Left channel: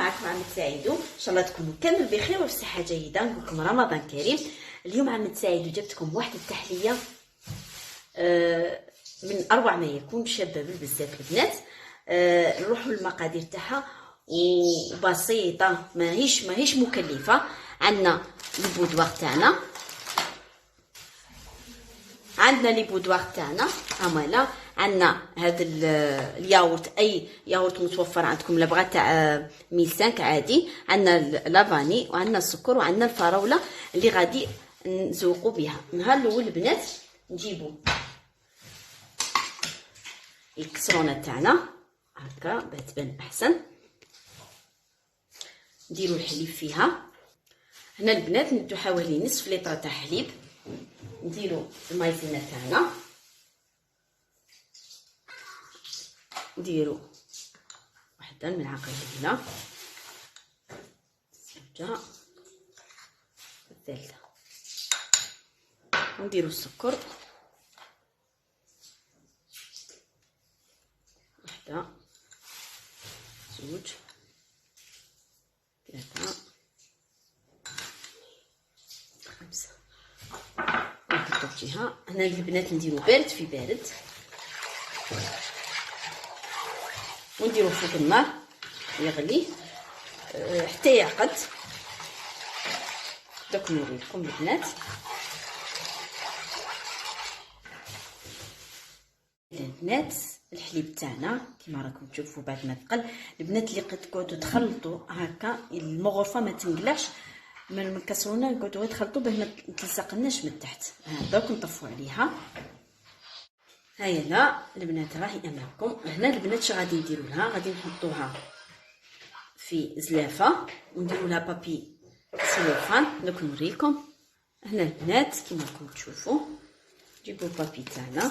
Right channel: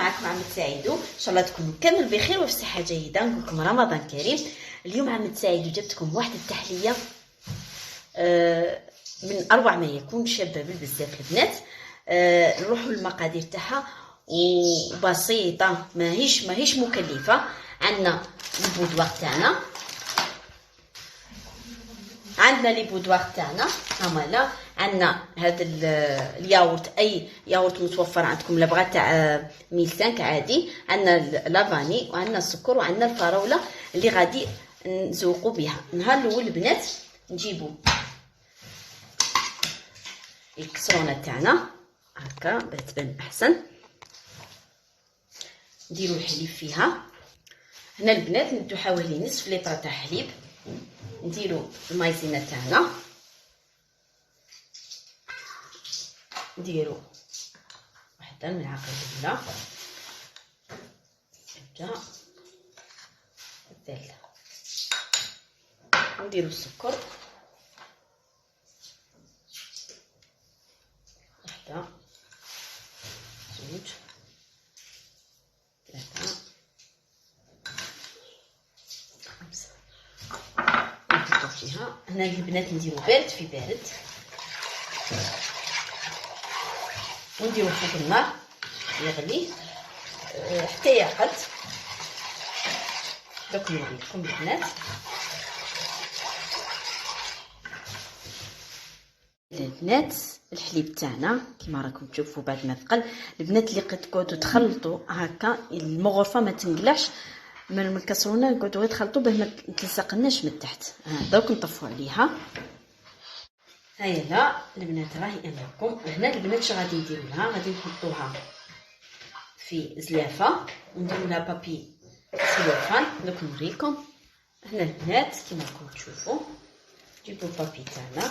عليكم، معكم عم سعيدو. ان شاء الله تكونوا كامل بخير وفي صحه جيده. نقول لكم رمضان كريم. اليوم عم سعيدو جبت لكم واحد التحليه من اروع ما يكون، شابه بزاف البنات. نروحوا للمقادير تاعها وبسيطه، ماهيش مكلفه. عندنا البودوار تاعنا، لي بودوار تاعنا هما. عندنا هذا الياغورت، اي ياغورت متوفر عندكم، لا بغات تاع 1005 عادي. عندنا لافاني وعندنا السكر وعندنا الفراوله اللي غادي نزوقوا بها. النهار الاول البنات نجيبوا الكسرونه تاعنا هكا باش تبان احسن، نديروا الحليب فيها. هنا البنات ندو حوالي نصف لتر تاع حليب. نديروا المايزينا تاعنا، نديروا واحده الملعقه هنا، الزبده الثالثه، نديروا السكر واحده، زوج، ثلاثه، خمسه. نحطو في جهه. هنا البنات نديرو بارد في بارد، نديرو فوق النار يغلي حتى يرقد. دوك نوريكم البنات. البنات الحليب تاعنا كيما راكم تشوفوا بعد ما تقل. البنات اللي تقعدوا تخلطوا هكا المغرفه ما تنقلعش من الكسرونه، نقعدوا تخلطوا باه ما تلصقناش من تحت. دوك نطفوا عليها. هيا لا البنات راهي امامكم. هنا البنات شنو غادي نديروا لها؟ غادي نحطوها في زلافه ونديروا لها بابي سلوفان. دوك نوريكم. هنا البنات كيما راكم تشوفوا نجيبوا البابي تاعنا،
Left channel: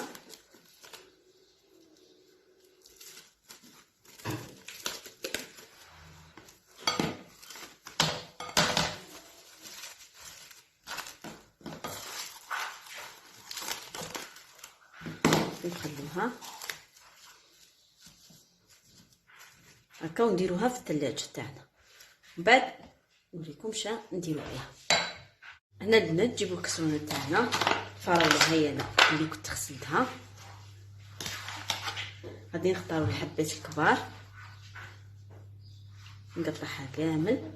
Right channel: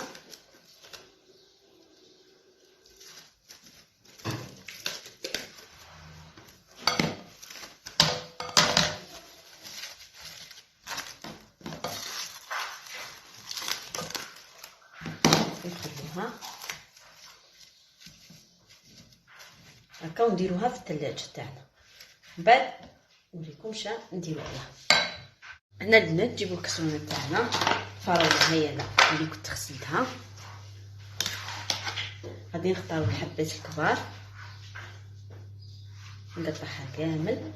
نخلوها هكا ونديروها في الثلاجه تاعنا. من بعد نوريكم شا نديرو عليها. هنا البنات نجيبو الكسرونه تاعنا، الفراوله هي اللي كنت غسلتها، غادي نختارو الحبات الكبار نقطعها كامل.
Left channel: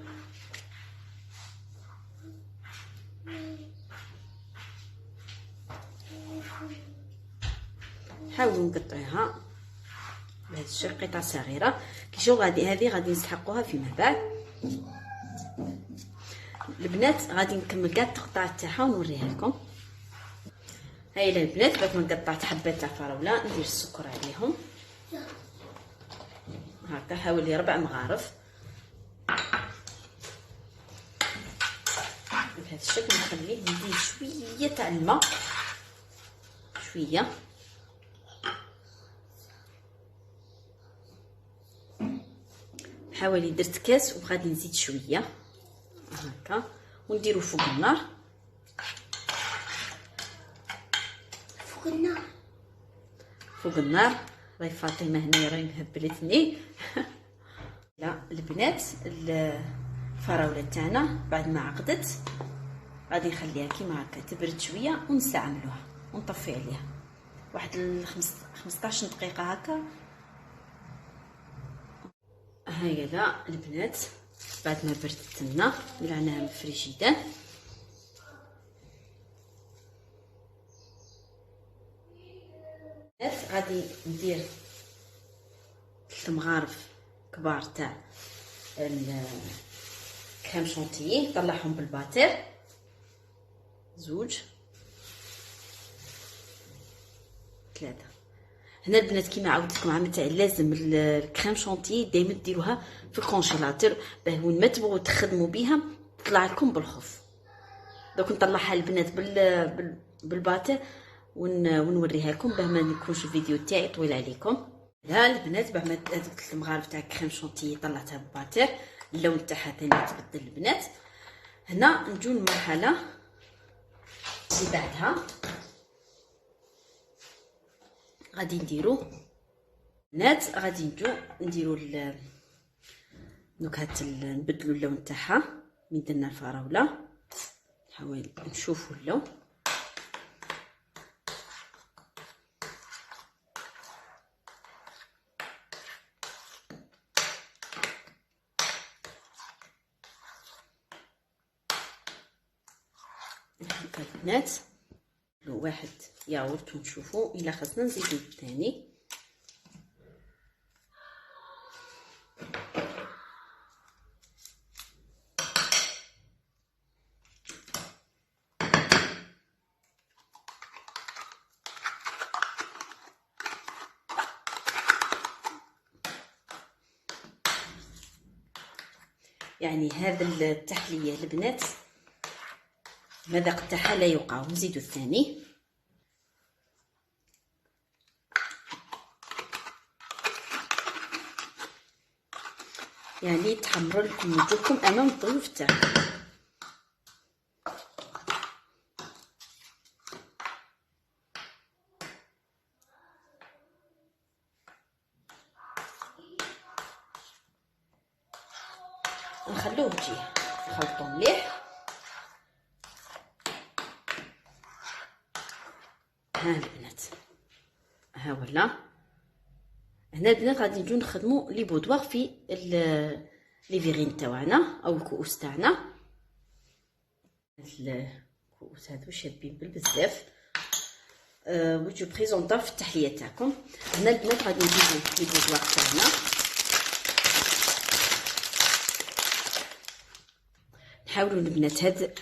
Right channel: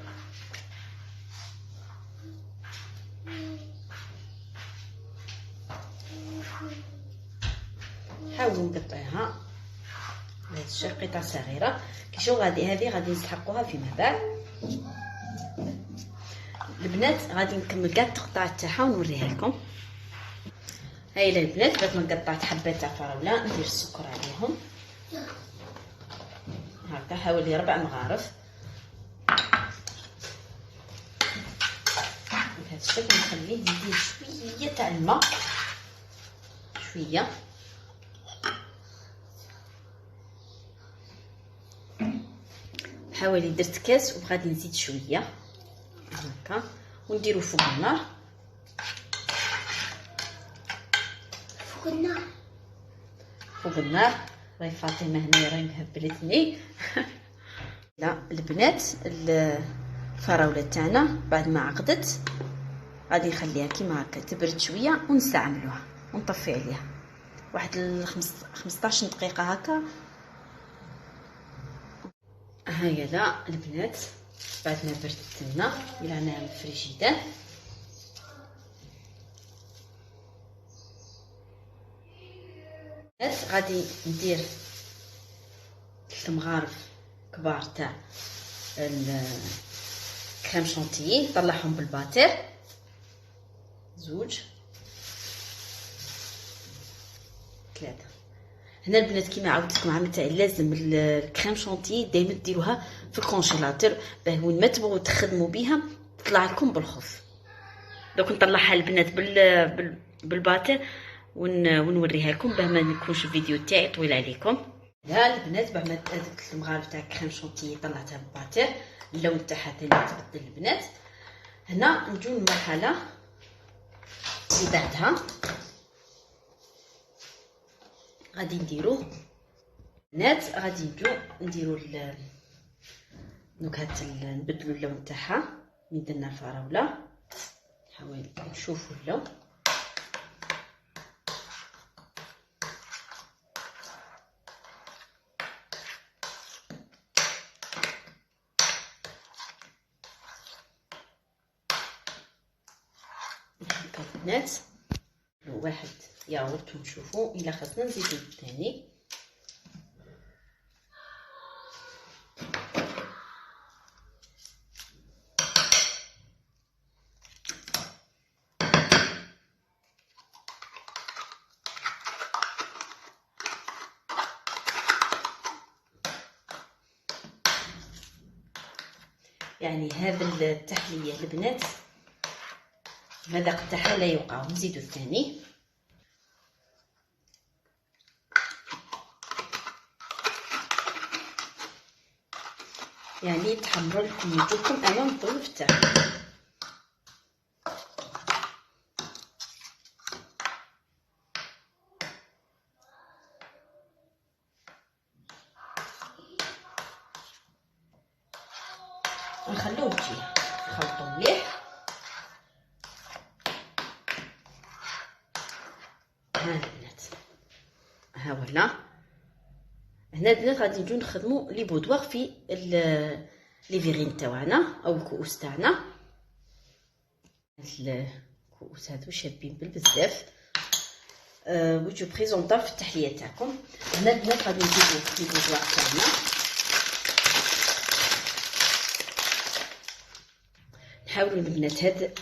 حاولوا نقطعوها بهذا الشكل قطع صغيره. كي شو هذه غادي نسحقوها فيما بعد. البنات غادي نكمل كاع التقطاعات تاعها ونوريها لكم. هاي البنات بعد ما قطعت حبات تاع فراوله ندير السكر عليهم هكا حوالي 4 مغارف بهذا الشكل. نخليه ندير شويه تاع الماء، شويه حوالي درت كاس وغادي نزيد شويه هكا ونديرو فوق النار. فوق النار راهي فاطمه هنا راهي مهبلتني. لا البنات الفراوله تاعنا بعد ما عقدت غادي نخليها كيما هكا تبرد شويه ونستعملوها ونطفي عليها واحد 15 دقيقه هكا. هيا لا البنات بعد ما بردت لنا قلعناها من الفريجيدان. غادي ندير 3 مغارف كبار تاع الكريم شونتيي، نطلعهم بالباتير. زوج، 3. هنا البنات كيما عاودت لكم عام تاعي، لازم الكريم شونتيي دائما ديروها في الكونجيلاتور باه وين ما تبغوا تخدموا بها تطلع لكم بالخف. دوك نطلعها البنات بالباتير ونوريها لكم باه ما نكونش الفيديو تاعي طويل عليكم. ها البنات بعد ما هذوك المغارف تاع الكريم شونتيي طلعتها بالباتير، اللون تاعها ثاني تبدل البنات. هنا نجو المرحله اللي بعدها غادي نديرو بنات، غادي نديرو دونك نبدلو اللون تاعها. من درنا الفراوله نحاول نشوفو اللون. هكا البنات واحد ياغورت ونشوفو الا خاصنا نزيدو الثاني. يعني هذا التحليه البنات المذاق تاعها لا يوقع. نزيدو الثاني. يعني تحمر لكم وجهكم انا والضيوف تاعكم. نخلوه يجي نخلطو مليح. ها البنات ها ولا هنا البنات غادي نجيو نخدمو لي بودواغ في لي فيغين تاعنا او الكؤوس تاعنا. الكؤوس هادو شابين بالبزاف. جو بريزونطا في التحليه تاعكم. هنا البنات غادي نزيدو لي بودواغ تاعنا. نحاولوا البنات هاد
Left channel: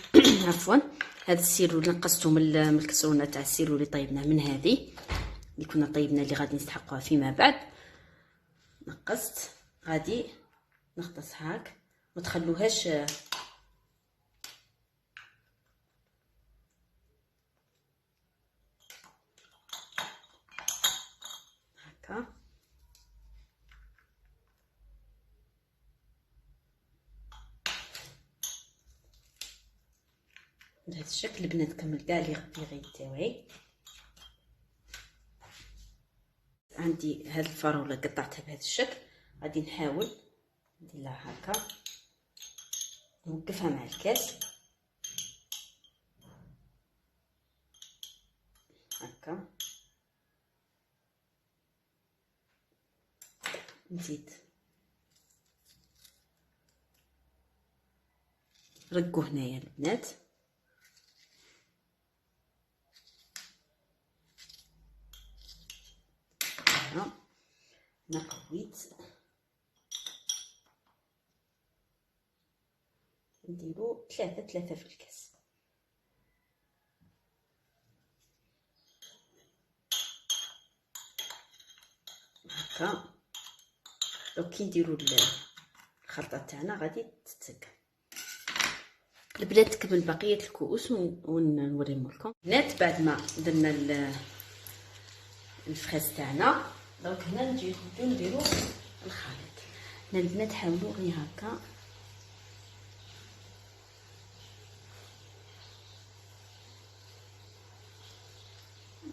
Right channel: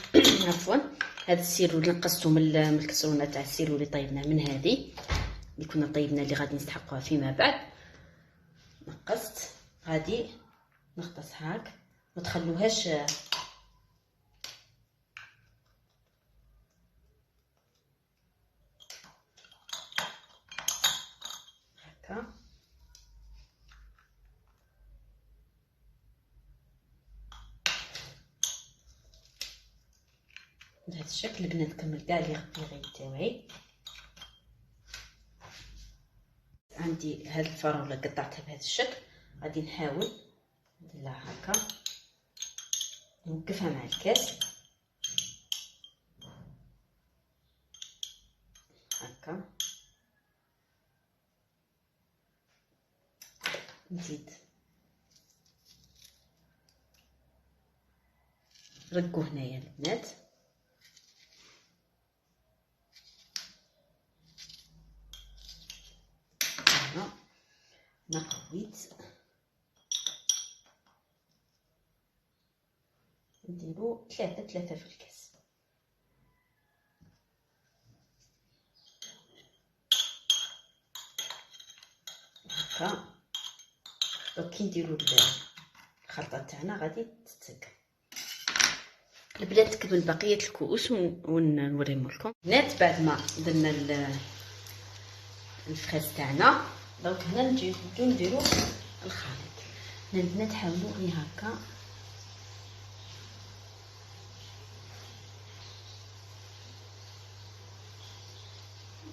عفوا هاد السيرو اللي نقصتو من الكسرونه تاع السيرو اللي طيبناه من هذه اللي كنا طيبنا اللي غادي نستحقوها فيما بعد. نقصت غادي نغطس هاك ما تخلوهاش هكا. بهذا الشكل البنات كمل كاع لي غير تاعي. عندي هاد الفراوله قطعتها بهذا الشكل. غادي نحاول نديرها هكا نوقفها مع الكاس هكا. نزيد رقوا هنايا البنات. نقويت نديرو ثلاثة في الكاس هكا. دونك كي نديرو الخلطه تاعنا غادي تتسكر. البنات تكمل بقيه الكؤوس ونوريهم لكم. البنات بعد ما درنا الفريز تاعنا دونك هنا نجيو نديرو الخليط. هنا البنات حاولوا غير هكا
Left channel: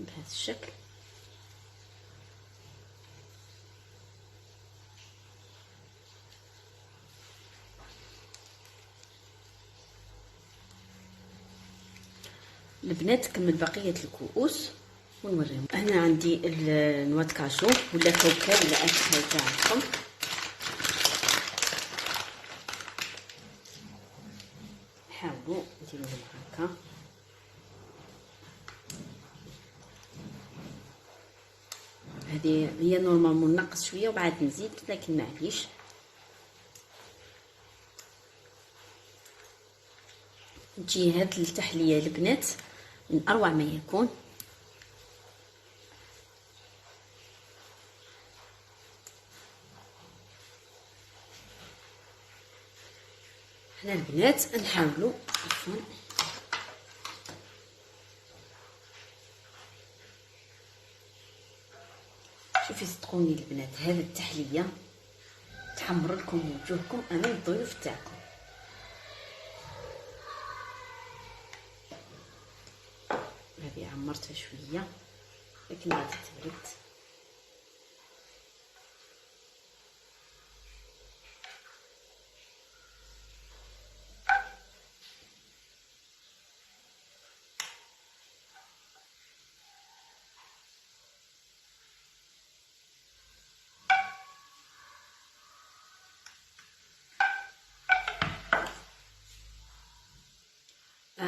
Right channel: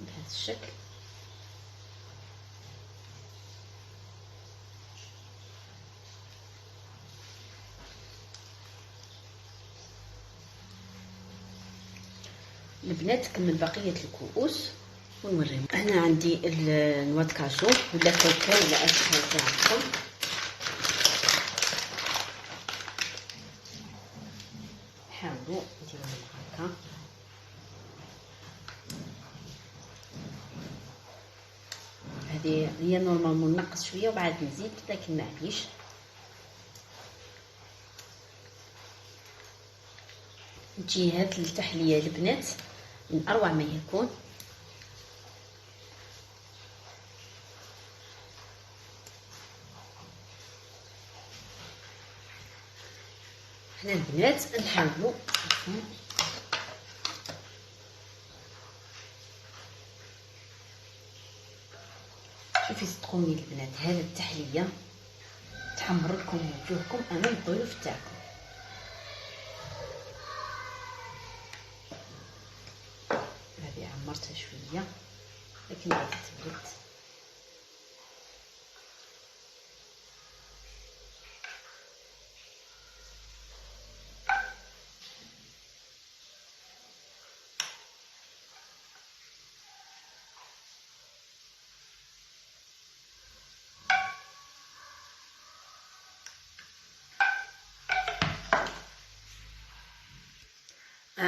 بهذا الشكل. البنات كمل بقيه الكؤوس ونوريهم. هنا عندي النواد كاشو ولا كركر ولا اشكال تاعكم. حاولوا ديروهم هكا. هذه هي نورمالمون نقص شويه وبعد نزيد لكن معليش. تجي هاد التحليه البنات من اروع ما يكون. حنا البنات نحاولوا شوفي صدقوني البنات هذه التحليه تحمر لكم وجوهكم انا والضيوف تاعكم. هذه عمرتها شويه لكن غادي تبرد.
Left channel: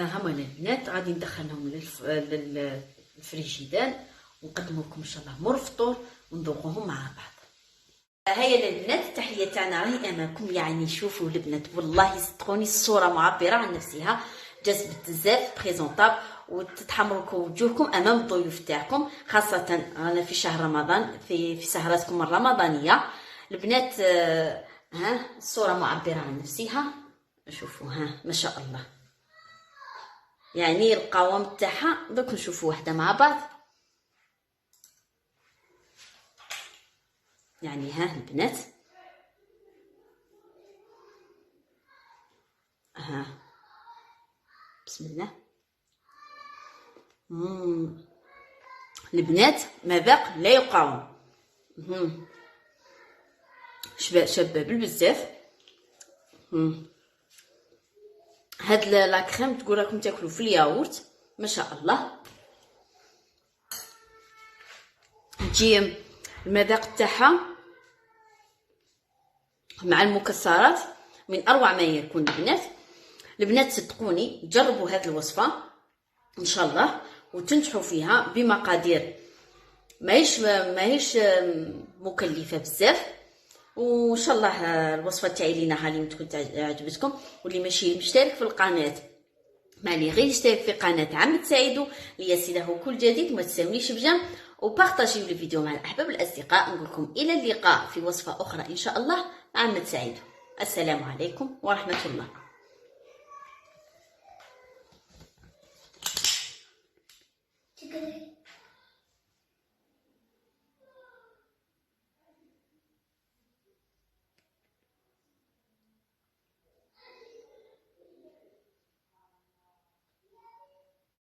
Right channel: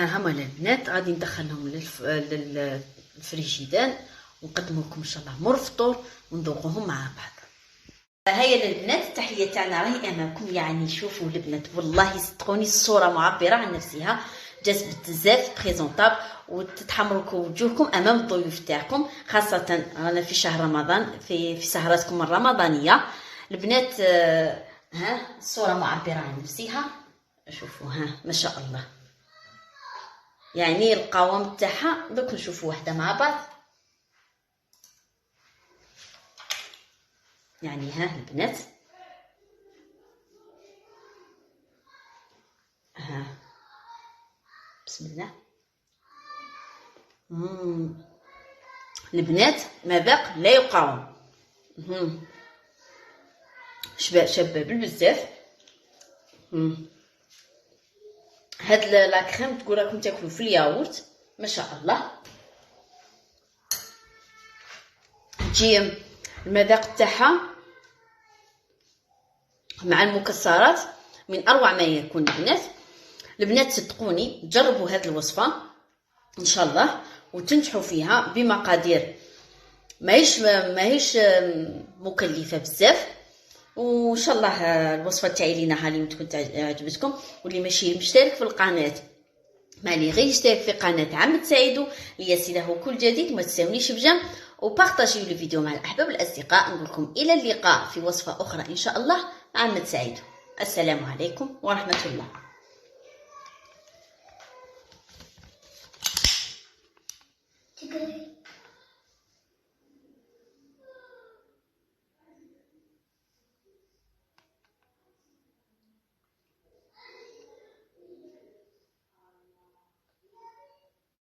ها هما البنات غادي ندخلهم للفريجيدان ونقدموا لكم ان شاء الله مور فطور ونذوقوهم مع بعض. هيا البنات التحيه تاعنا راهي امامكم. يعني شوفوا البنات والله صدقوني الصوره معبره عن نفسها، جذبت بزاف بريزونطابل وتتحمروا وجوهكم امام الضيوف تاعكم، خاصه رانا في شهر رمضان في سهراتكم الرمضانيه البنات. ها الصوره معبره عن نفسها، شوفوا ها ما شاء الله. يعني القوام تاعها دوك نشوفوا وحده مع بعض. يعني ها البنات ها بسم الله. البنات مذاق لا يقاوم. شباب بزاف. هاد لا كريم تقول راكم تاكلوا في الياغورت ما شاء الله. تجي المذاق تاعها مع المكسرات من اروع ما يكون. البنات صدقوني جربوا هذه الوصفه ان شاء الله وتنجحوا فيها بمقادير ماهيش مكلفه بزاف. وان شاء الله الوصفه تاعي اللي نهالي تكون عجبتكم. واللي ماشي مشترك في القناه مالي غير يشترك في قناه عم تساعدوا ليصله كل جديد. ما تنسونيش بجنب وبارطاجيو الفيديو مع الاحباب والاصدقاء. نقول لكم الى اللقاء في وصفه اخرى ان شاء الله مع عم تساعدوا. السلام عليكم ورحمه الله.